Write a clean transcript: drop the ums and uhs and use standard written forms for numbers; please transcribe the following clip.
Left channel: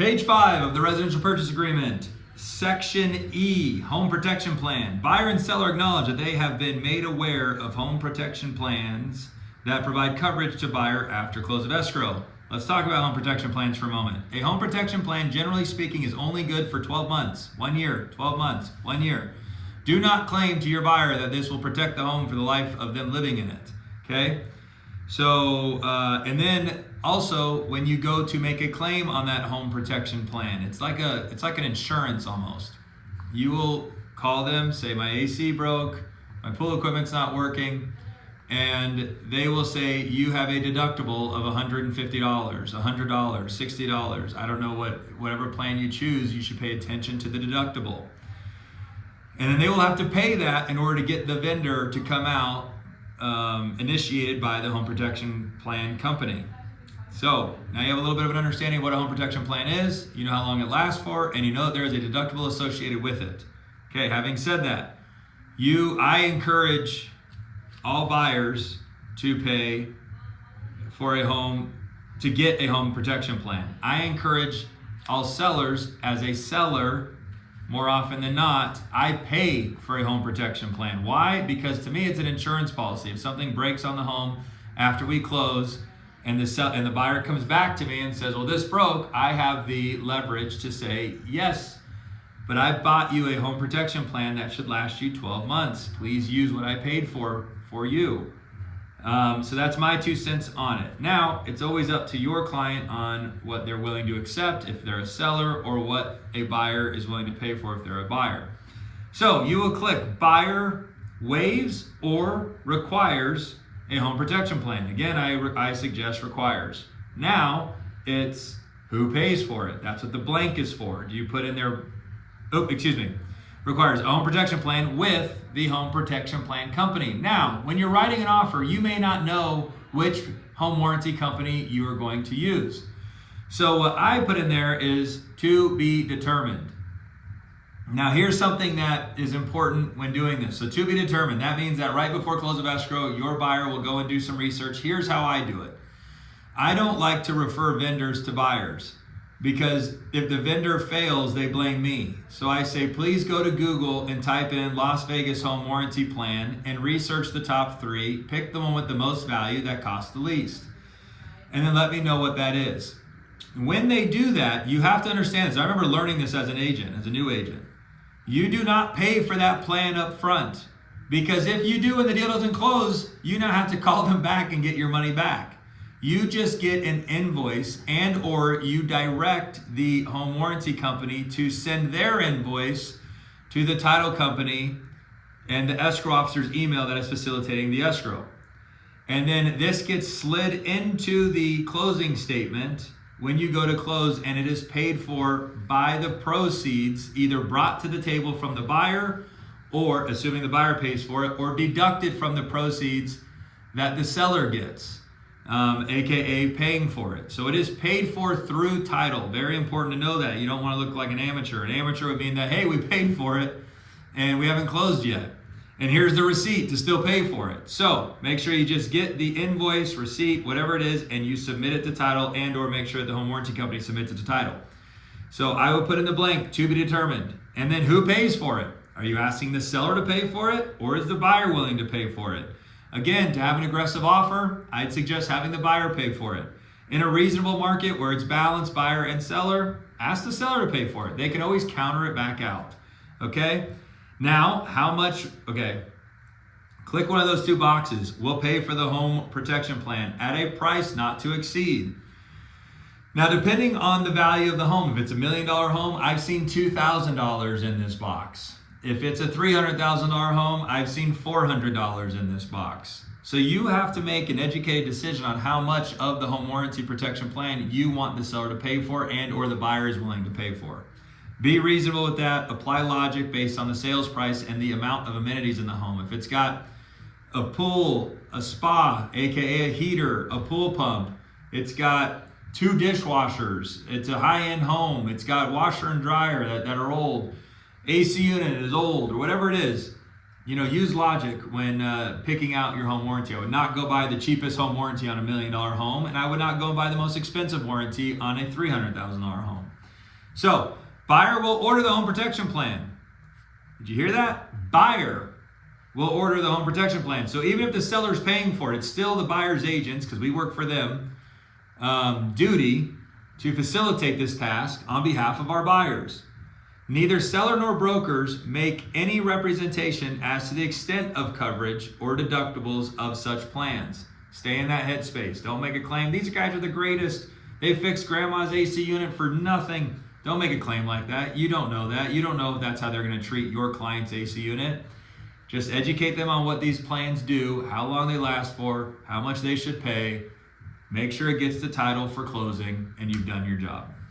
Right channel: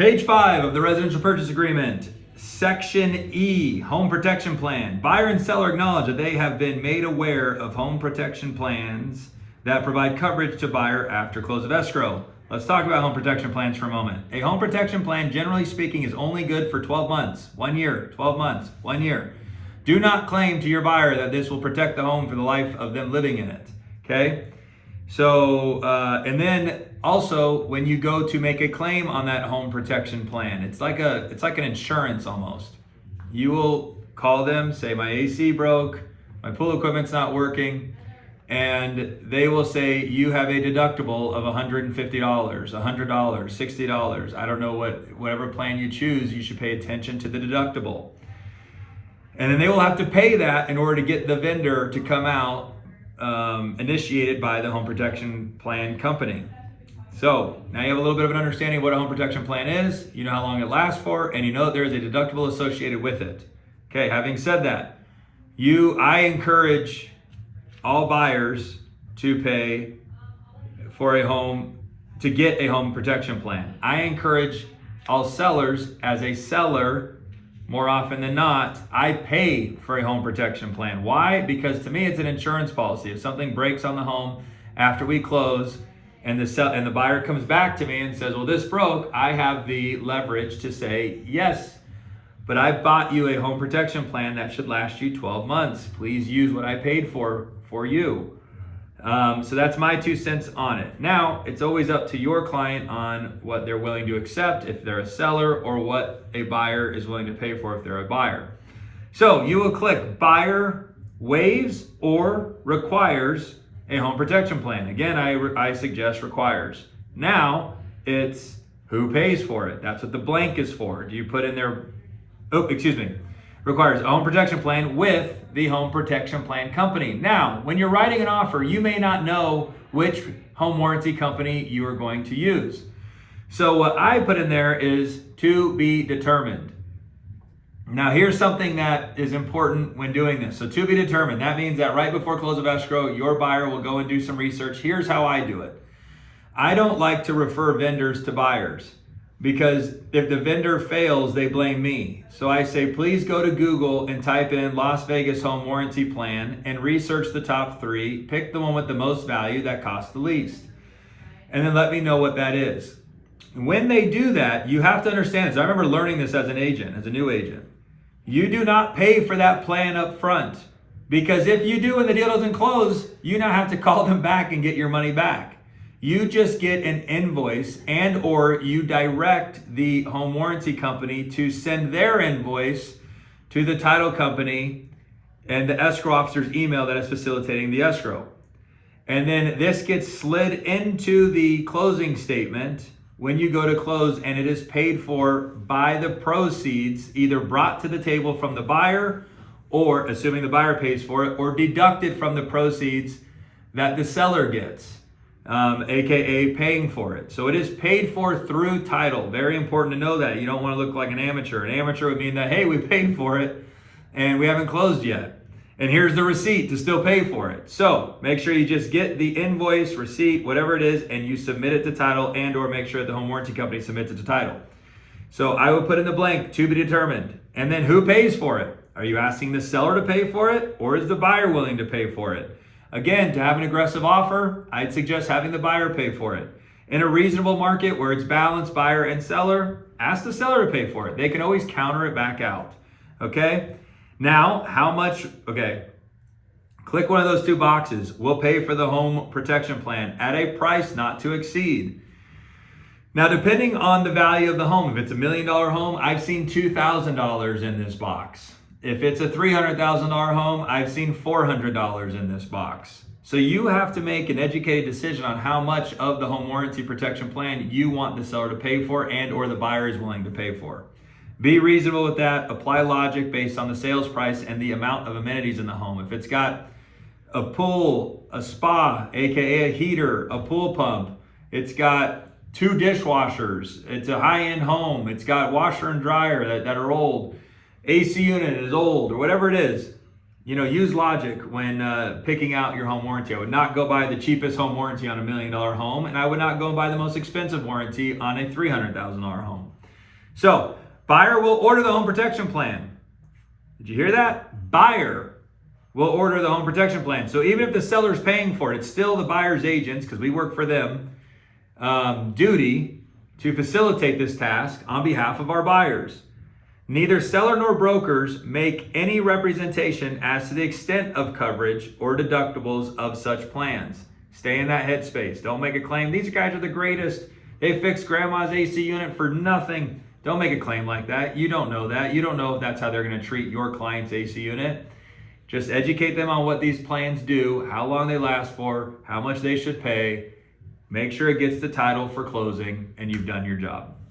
Page 5 of the residential purchase agreement, Section E, home protection plan. Buyer and seller acknowledge that they have been made aware of home protection plans that provide coverage to buyer after close of escrow. Let's talk about home protection plans for a moment. A home protection plan, generally speaking, is only good for 12 months, 1 year, 12 months, 1 year. Do not claim to your buyer that this will protect the home for the life of them living in it, okay? So, and then also when you go to make a claim on that home protection plan, it's like an insurance almost. You will call them, say my AC broke, my pool equipment's not working, and they will say you have a deductible of $150, $100, $60. I don't know whatever plan you choose, you should pay attention to the deductible. And then they will have to pay that in order to get the vendor to come out, initiated by the home protection plan company. So now you have a little bit of an understanding of what a home protection plan is, you know how long it lasts for, and you know that there is a deductible associated with it. Okay, having said that, I encourage all buyers to pay for a home, to get a home protection plan. I encourage all sellers, as a seller, more often than not, I pay for a home protection plan. Why? Because to me, it's an insurance policy. If something breaks on the home after we close and the buyer comes back to me and says, well, this broke, I have the leverage to say, yes, but I bought you a home protection plan that should last you 12 months. Please use what I paid for you. So that's my 2 cents on it. Now, it's always up to your client on what they're willing to accept if they're a seller, or what a buyer is willing to pay for if they're a buyer. So you will click buyer waives or requires a home protection plan. Again, I suggest requires. Now it's who pays for it. That's what the blank is for. Do you put in there, requires a home protection plan with the home protection plan company. Now, when you're writing an offer, you may not know which home warranty company you are going to use. So what I put in there is to be determined. Now, here's something that is important when doing this. So to be determined, that means that right before close of escrow, your buyer will go and do some research. Here's how I do it. I don't like to refer vendors to buyers, because if the vendor fails, they blame me. So I say, please go to Google and type in Las Vegas home warranty plan and research the top 3, pick the one with the most value that costs the least, and then let me know what that is. When they do that, you have to understand this. I remember learning this as an agent, as a new agent. You do not pay for that plan up front, because if you do and the deal doesn't close, you now have to call them back and get your money back. You just get an invoice, and or you direct the home warranty company to send their invoice to the title company and the escrow officer's email that is facilitating the escrow. And then this gets slid into the closing statement when you go to close, and it is paid for by the proceeds either brought to the table from the buyer, or assuming the buyer pays for it, or deducted from the proceeds that the seller gets. AKA paying for it. So it is paid for through title. Very important to know that. You don't want to look like an amateur. An amateur would mean that, hey, we paid for it and we haven't closed yet, and here's the receipt to still pay for it. So make sure you just get the invoice, receipt, whatever it is, and you submit it to title, and or make sure the home warranty company submits it to title. So I will put in the blank, to be determined. And then who pays for it? Are you asking the seller to pay for it, or is the buyer willing to pay for it? Again, to have an aggressive offer, I'd suggest having the buyer pay for it. In a reasonable market where it's balanced buyer and seller, ask the seller to pay for it. They can always counter it back out. Okay? Now, how much? Okay. Click one of those 2 boxes. We'll pay for the home protection plan at a price not to exceed. Now, depending on the value of the home, if it's $1 million home, I've seen $2,000 in this box. If it's a $300,000 home, I've seen $400 in this box. So you have to make an educated decision on how much of the home warranty protection plan you want the seller to pay for, and or the buyer is willing to pay for. Be reasonable with that. Apply logic based on the sales price and the amount of amenities in the home. If it's got a pool, a spa, AKA a heater, a pool pump, it's got 2 dishwashers, it's a high-end home, it's got washer and dryer that are old, AC unit is old, or whatever it is, use logic when picking out your home warranty. I would not go buy the cheapest home warranty on $1 million home, and I would not go buy the most expensive warranty on a $300,000 home. So, buyer will order the home protection plan. Did you hear that? Buyer will order the home protection plan. So even if the seller's paying for it, it's still the buyer's agents, because we work for them, duty to facilitate this task on behalf of our buyers. Neither seller nor brokers make any representation as to the extent of coverage or deductibles of such plans. Stay in that headspace. Don't make a claim. These guys are the greatest. They fixed grandma's AC unit for nothing. Don't make a claim like that. You don't know that. You don't know if that's how they're going to treat your client's AC unit. Just educate them on what these plans do, how long they last for, how much they should pay. Make sure it gets the title for closing, and you've done your job.